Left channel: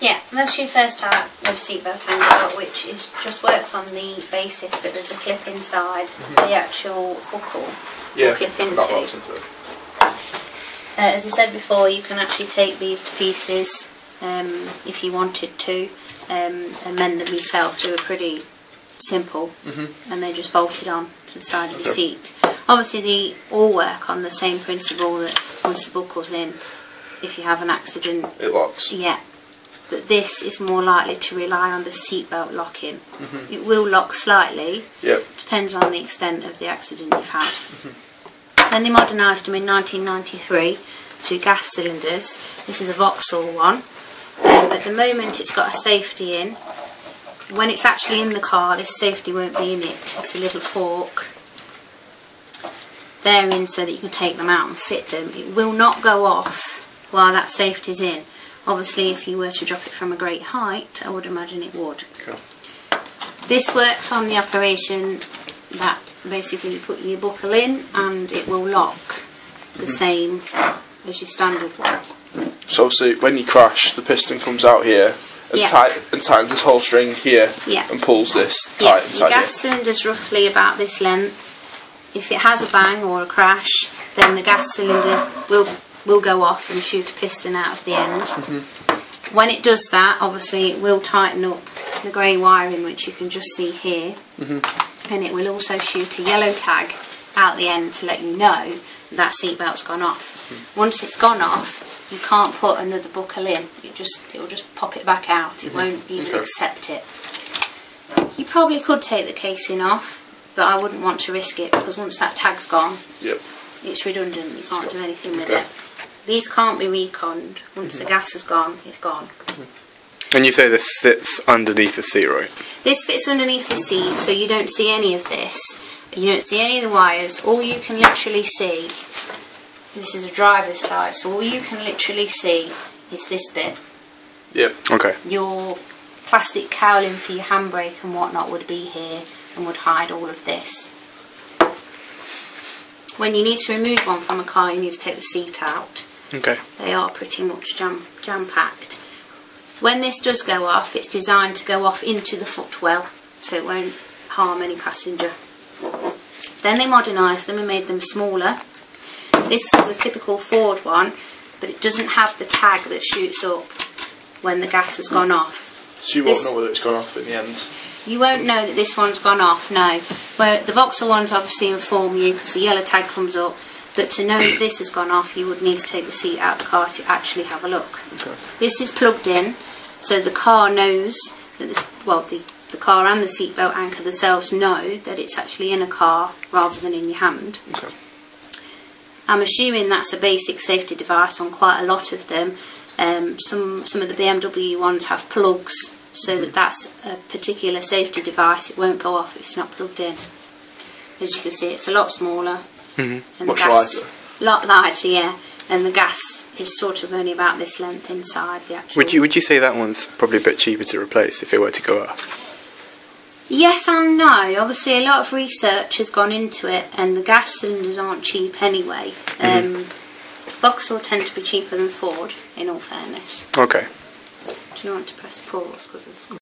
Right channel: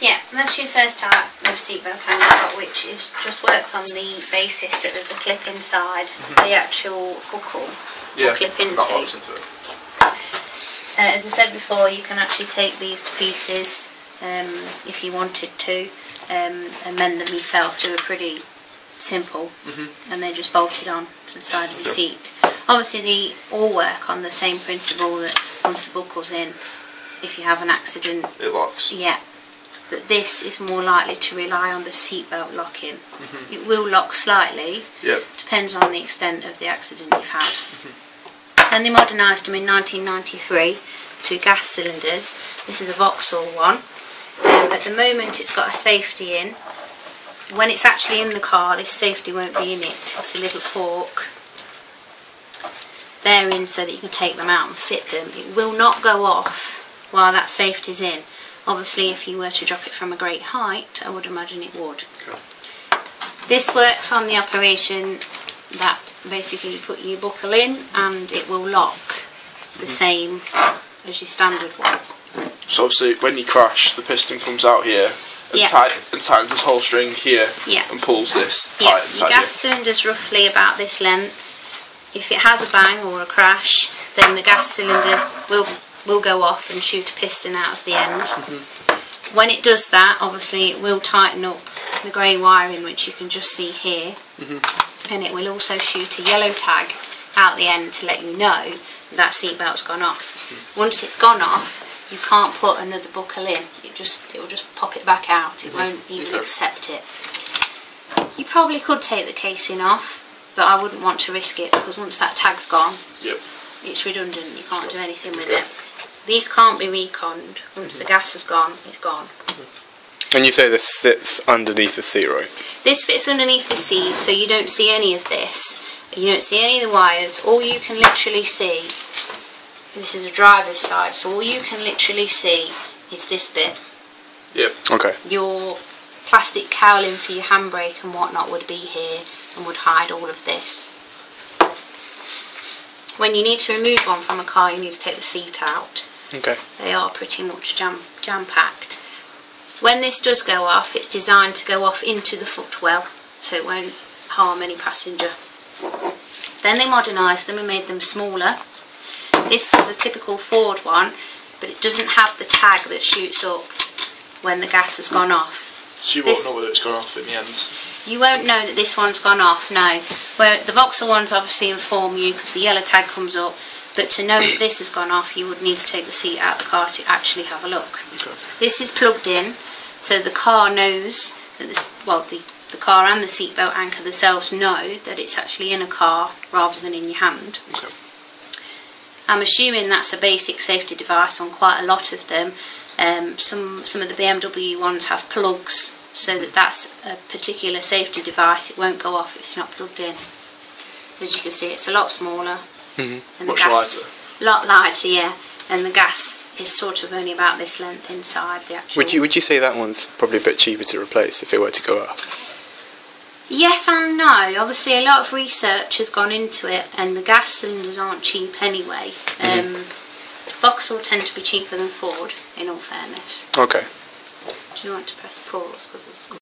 Yeah, that's your first type of seatbelt angle, which just works on the basis that there's a clip inside the actual buckle or clip into. That locks into it. As I said before, you can actually take these to pieces if you wanted to and mend them yourself. They were pretty simple and they're just bolted on to the side of your seat. Obviously they all work on the same principle that once the buckle's in, if you have an accident, it locks. Yeah, but this is more likely to rely on the seatbelt locking. It will lock slightly, depends on the extent of the accident you've had. Then they modernised them in 1993 to gas cylinders. This is a Vauxhall one. At the moment it's got a safety in. When it's actually in the car, this safety won't be in it. It's a little fork. They're in so that you can take them out and fit them. It will not go off while that safety's in. Obviously, if you were to drop it from a great height, I would imagine it would. Okay. This works on the operation that basically you put your buckle in and it will lock the same as your standard one. So obviously, when you crash, the piston comes out here and, tightens this whole string here and pulls this tight and tight. Your gas cylinder's roughly about this length. If it has a bang or a crash, then the gas cylinder will go off and shoot a piston out of the end. When it does that, obviously it will tighten up the grey wiring, which you can just see here, and it will also shoot a yellow tag out the end to let you know that seatbelt's gone off. Once it's gone off, you can't put another buckle in. It will just pop it back out. It won't even accept it. You probably could take the casing off, but I wouldn't want to risk it because once that tag's gone, it's redundant. You can't do anything with it. These can't be reconned. Once the gas has gone, it's gone. And you say this sits underneath the seat, right? This fits underneath the seat, so you don't see any of this. You don't see any of the wires. All you can literally see, this is a driver's side, so all you can literally see is this bit. Okay. Your plastic cowling for your handbrake and whatnot would be here and would hide all of this. When you need to remove one from a car, you need to take the seat out. Okay. They are pretty much jam-packed. When this does go off, it's designed to go off into the footwell, so it won't harm any passenger. Then they modernised them and made them smaller. This is a typical Ford one, but it doesn't have the tag that shoots up when the gas has gone off. So you won't know whether it's gone off in the end? You won't know that this one's gone off, no. Where the Vauxhall ones obviously inform you because the yellow tag comes up, but to know that this has gone off, you would need to take the seat out of the car to actually have a look. Okay. This is plugged in, so the car knows that the car and the seatbelt anchor themselves know that it's actually in a car rather than in your hand. Okay. I'm assuming that's a basic safety device on quite a lot of them. Some of the BMW ones have plugs, so that's a particular safety device. It won't go off if it's not plugged in. As you can see, it's a lot smaller. Much lighter. A lot lighter, yeah. And the gas is sort of only about this length inside the actual... Would you say that one's probably a bit cheaper to replace if it were to go up? Yes and no. Obviously a lot of research has gone into it and the gas cylinders aren't cheap anyway. Vauxhall tend to be cheaper than Ford, in all fairness. Okay. Do you want to press pause?